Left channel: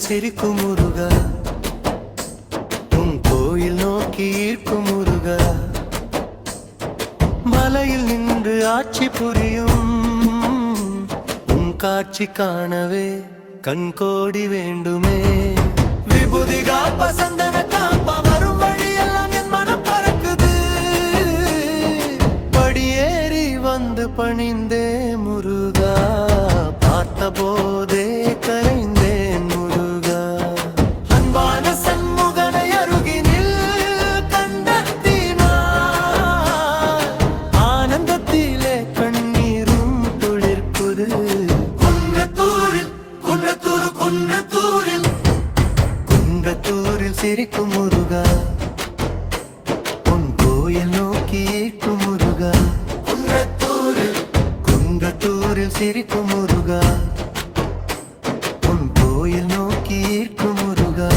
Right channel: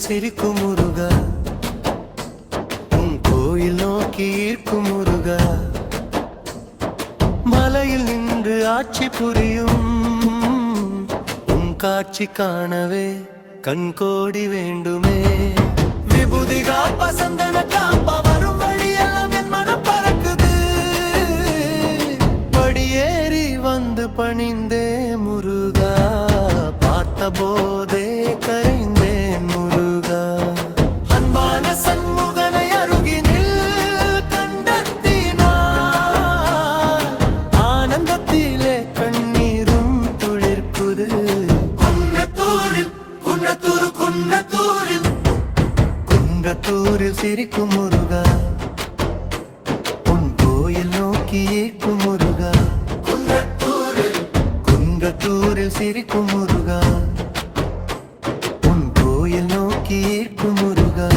தூரில் சிரிக்கும் முருகா, உன் கோயில் நோக்கி ஈர்க்கும் முருகா, மலையில் நின்று ஆட்சி புரியும் உன் காட்சி காணவே கண்கோடி வேண்டுமே. விபூதி காப்ப சந்தன காப்பா வரும் வழியெல்லாம் என் மனம் பறக்குது. படியேறி வந்து பணிந்தே முருகா, பார்த்த போதே கரைந்தேன் முருகா. அன்பான சண்முகனை அருகினில் கண்டத்தினார் ஆனந்தத்திலே கண்ணீரும் துளிர்க்குது. குன்றத்தூரில் குன்றத்தூரில் சிரிக்கும் முருகா, உன் கோயில் நோக்கி ஈர்க்கும் முருகா. குன்றத்தூரில் சிரிக்கும் முருகா, உன் கோயில் நோக்கி ஈர்க்கும் முருகா.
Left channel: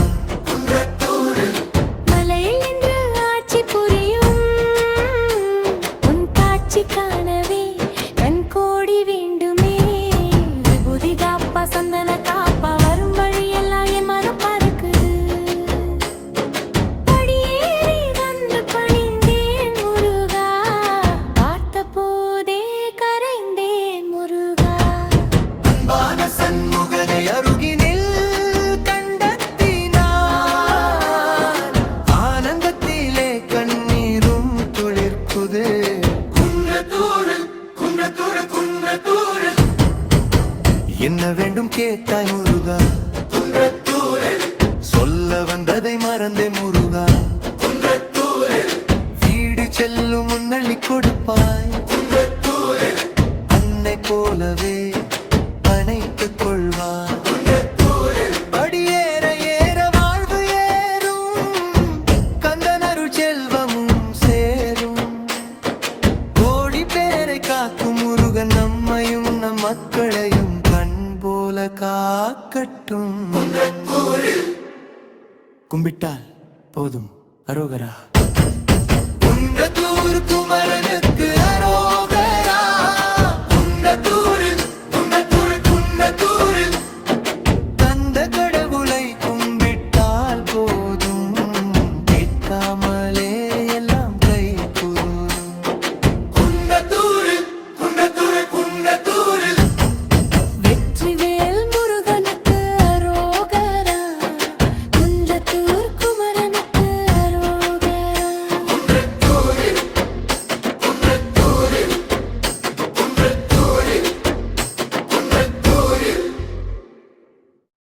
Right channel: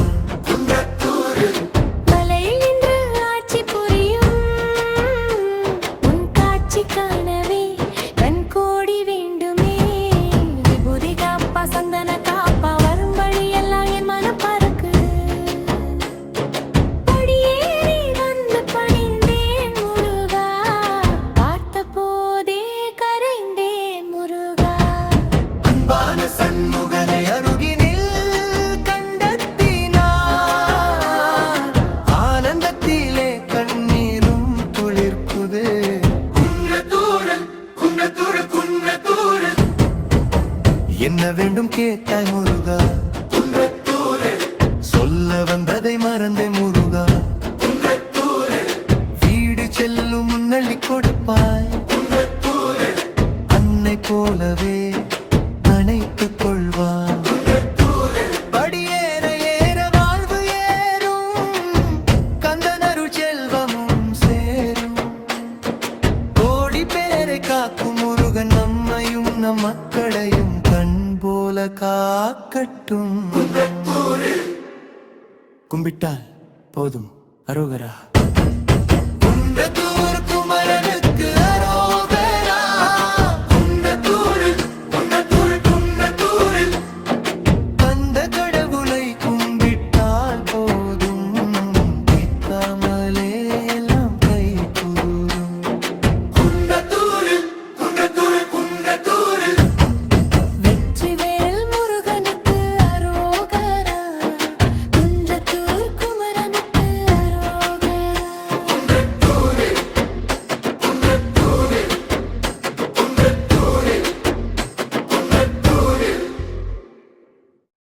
மலையில் நின்று ஆட்சி புரியும் உன் காட்சி காணவே கண்கோடி வேண்டுமே. விபூதி காப்பா சந்தன காப்பா வரும் வழியெல்லாம் என் மனம் பறக்குது. படியேறி வந்து பணிந்தேன் முருகா, பார்த்த போதே கரைந்தேன் முருகா. அன்பான சண்முகனை அருகினில் கண்டத்தினார் ஆனந்தத்திலே கண்ணீரும் துளிர்க்குது. என்ன வேண்டும் கேட்டாய் முருகா, சொல்ல வந்ததை மறந்தே முருகா. வீடு செல்லும் முன்னள்ளி கொடுப்பாய், அன்னை போலவே அணைத்துக் கொள்வாய். படியேற ஏற வாழ்வு ஏறும், கந்தனருள் செல்வமும் சேரும். கோடி பேரை காக்கும் முருகன் நம்மையும் நம் மக்களையும் கண் போல காக்கட்டும். கும்பிட்டால் போதும் அரோகரா. குன்றத்தூர் குமரனுக்கு